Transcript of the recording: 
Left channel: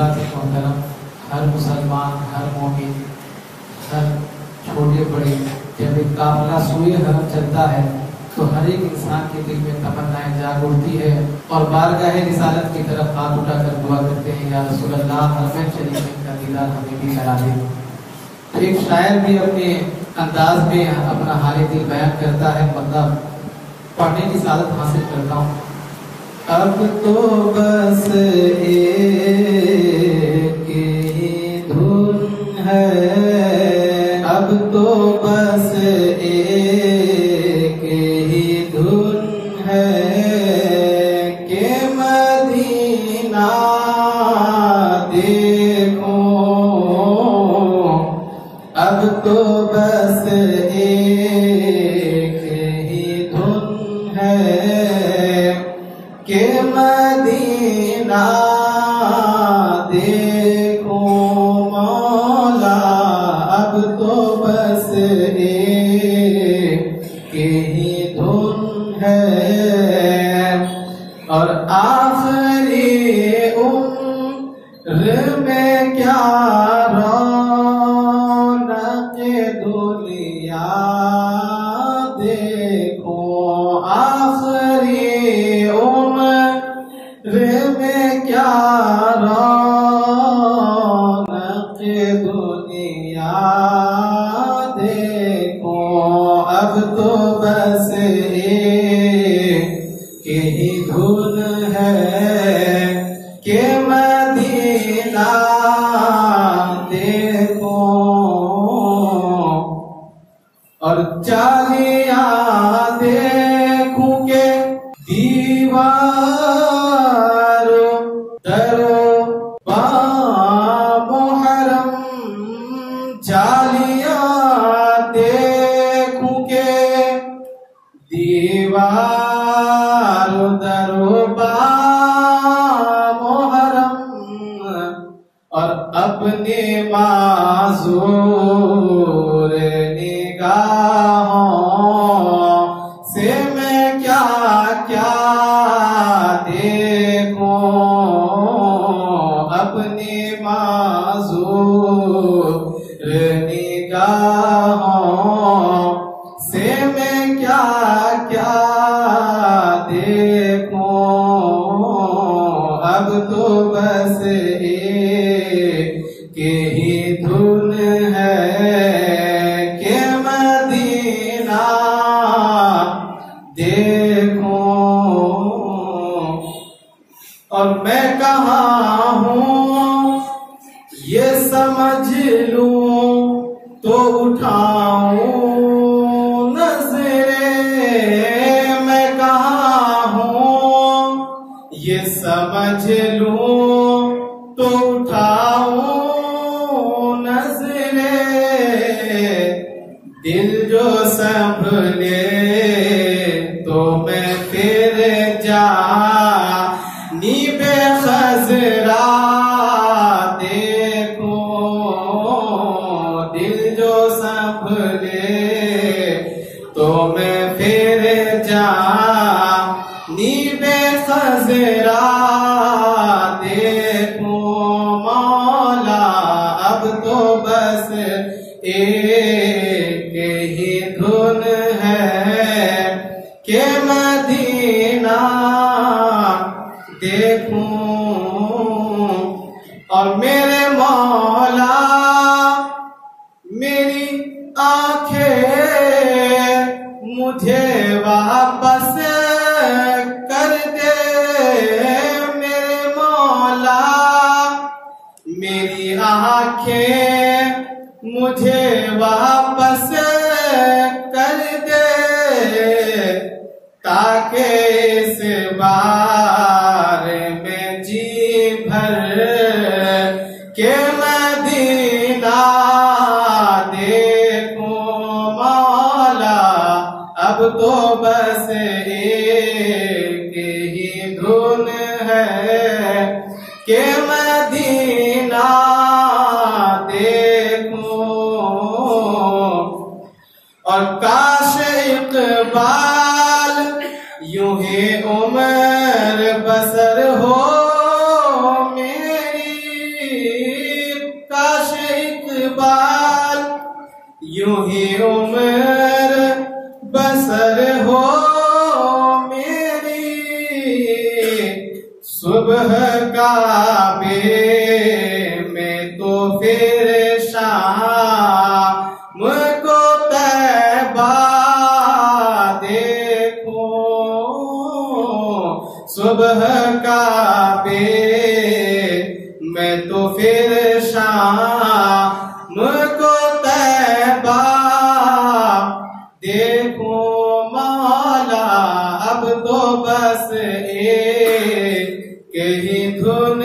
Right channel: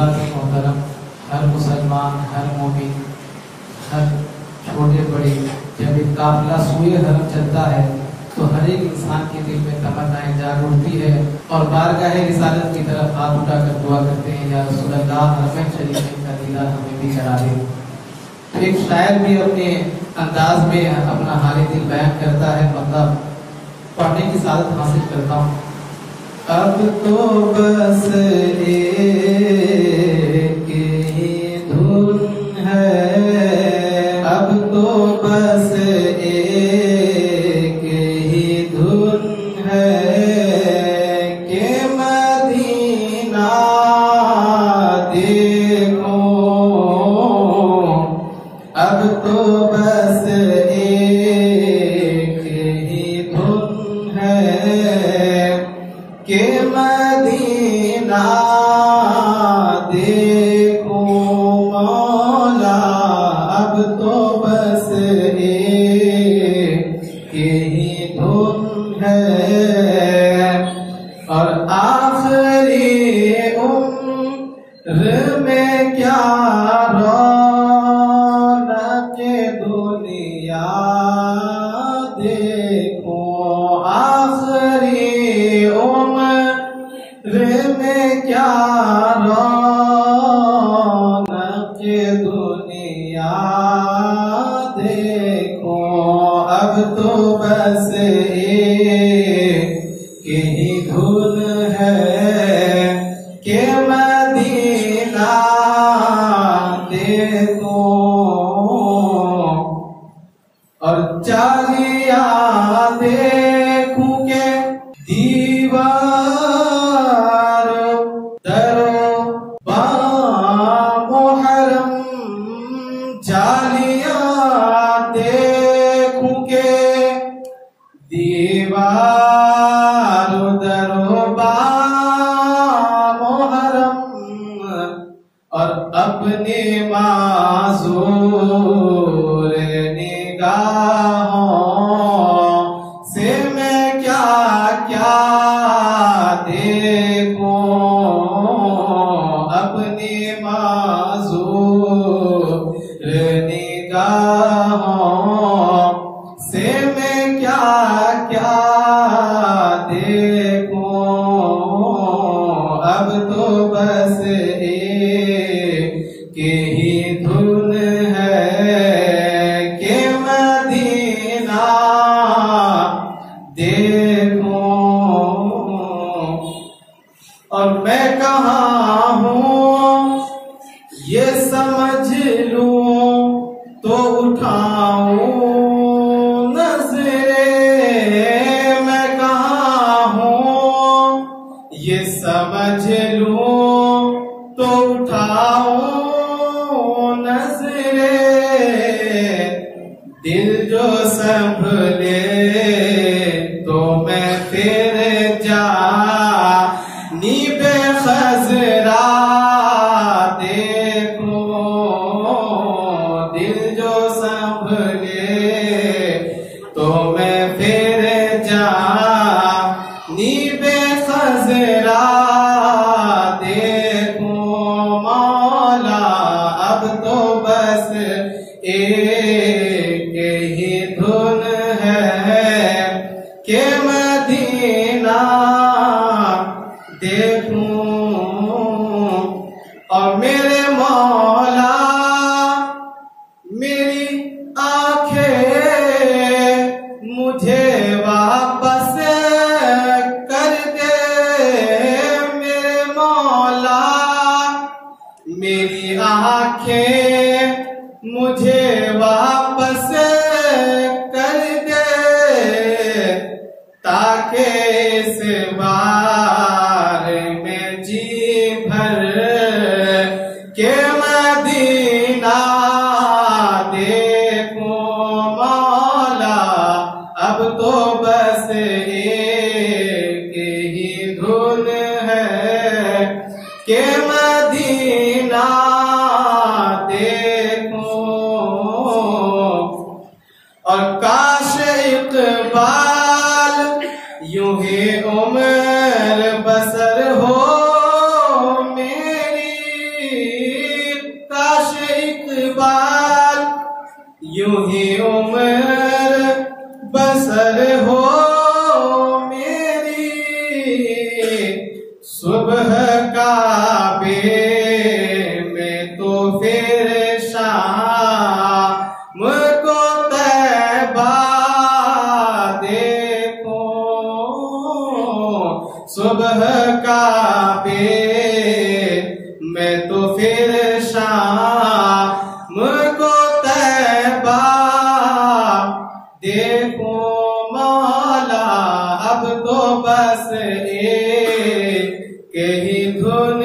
हज़रात मोहतरम, हर मुसलमान, हर मोमिन, हर छोटे बड़े, जब एक काफिला सूए हरम चलता है तो हर एक इंसान के दिल में तमन्नाएं जाग उठती है और बारगाह रिसालत की तरफ हाथ उठाकर दुआ करते हैं, या रसूल अल्लाह, हरम शरीफ का दीदार हमें भी करा दे। फिर एक शायर भी अपने अंदाज में अपना हाल दिल बयान करता है, मतलब पढ़ने की सादत हासिल करता हूँ। अब तो बस एक ही धुन है, अब तो बस एक ही धुन है कि मदीना देखो, अब तो बस एक ही धुन है कि मदीना देखो मौला, अब तो बस एक ही धुन है। और आखिरी उम्र में क्या रौनक दुनिया देखो, आखिरी उम्र में क्या रौनक दुनिया देखो, अब तो बस एक ही धुन है कि मदीना देखो। और चालिया देखूं के दीवारों दरो बामुहर्रम, चालिया देखूं के दीवारों दरो बामुहर्रम, और अपने माज़ूर निगाहों से मैं क्या क्या देखूं, अपने माज़ूर निगाहों से मैं क्या क्या देखूं, अब तो बस एक ही धुन है कि मदीना देखो। और मैं कहाँ हूँ ये समझ लूं तो उठाऊं नजरें, मैं कहाँ हूँ ये समझ लूं तो उठाऊं नजरें, दिल जो संभले तो मैं फिर जानी बेखजरा देखूं, दिल जो संभले तो मैं फिर जानी बेखजरा देखूं मौला, अब तो बस एक ही धुन है कि मदीना देखूं। और मेरे मौला मेरी आंखें मुझे वापस कर दे, मेरे मौला मेरी आंखें मुझे वापस कर दे, ताकि इस बार में जी भर के मदीना देखूं मौला, अब तो बस एक ही धुन है कि मदीना देखूं। और काश इकबाल यूं ही उम्र बसर हो मेरी, बसर हो मेरी सुबह काबे में तो फिर शाम को तैबा देखो, सुबह काबे में तो फिर शाम को तैबा देखो। मौला अब तो बस एक ही धुन